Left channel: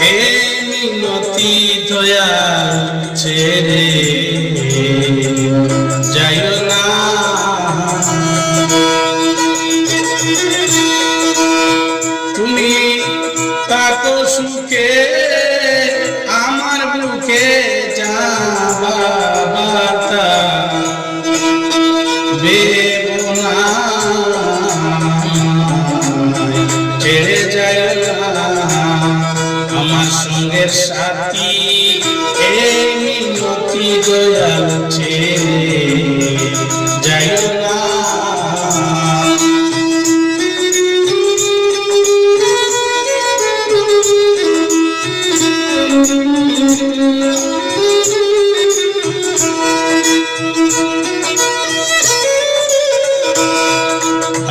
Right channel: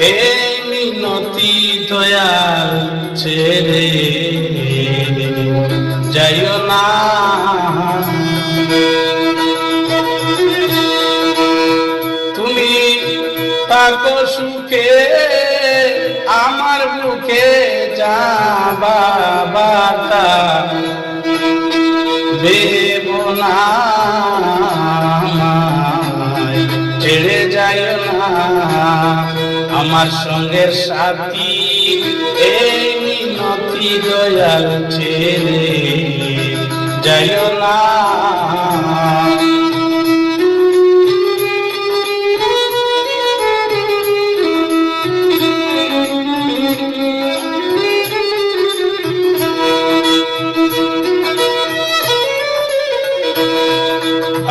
হে মিনতি দয়াল ছেড়ে যাইও না। তুমি থাকো সুখে আমার বুকে যা বাবা তা। সঙ্গের সাথী এই নতি দয়াল ছেড়ে জয়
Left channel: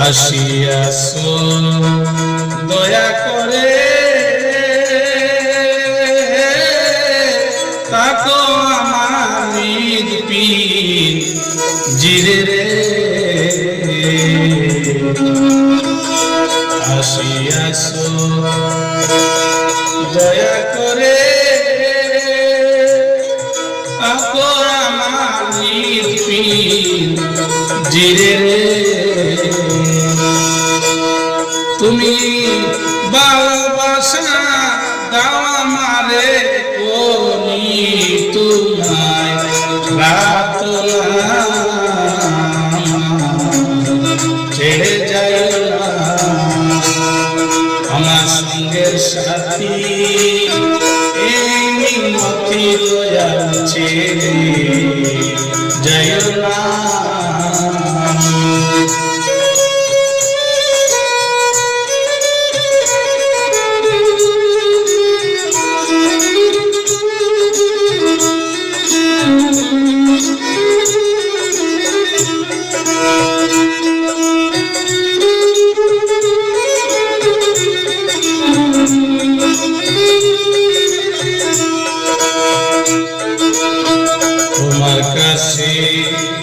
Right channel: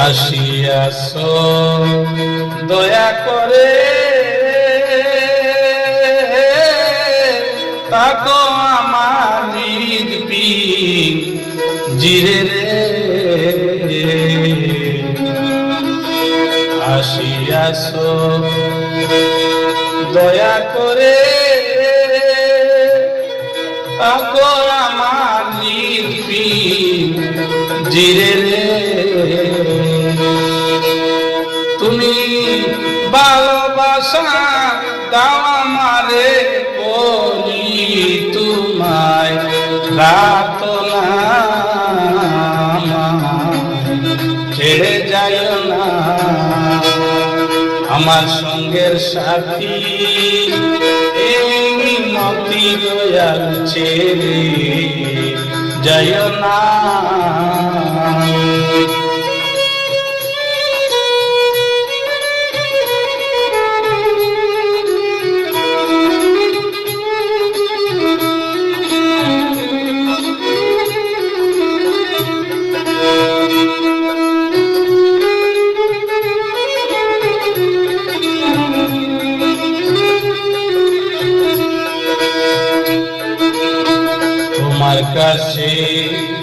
আসিয়াছ। পিন জিরে রে। আসিয়াছো দয়া করে। আকর আমার পিন জিরে তুমি ভালোবাসা দাও আমারে করি তোমায় ছেড়ে যায় না। আমার সঙ্গে সাথী মতি দয়াল ছেড়ে যায় না।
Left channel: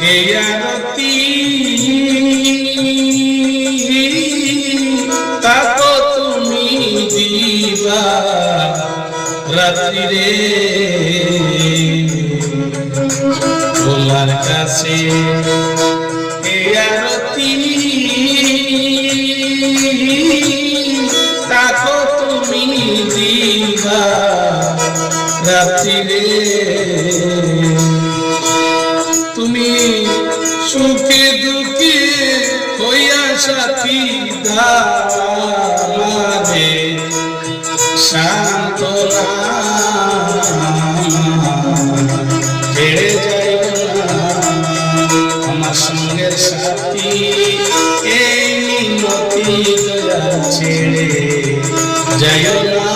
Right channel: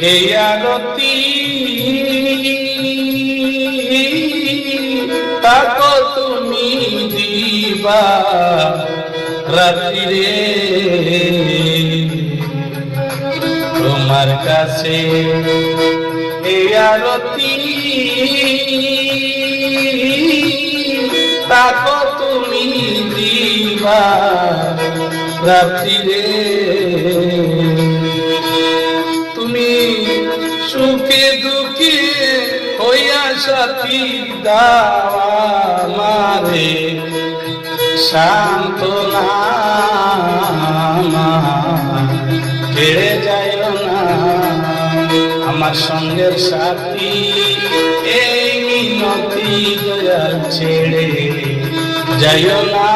এই আরতি তাকো তুমি দিবা রাত্রি রে তোমার কাছে এই আরতি সাথী দামারে শান্ত হেরে যায় আমার সঙ্গে সাথী এই মিনতি ছেড়ে যাইও না।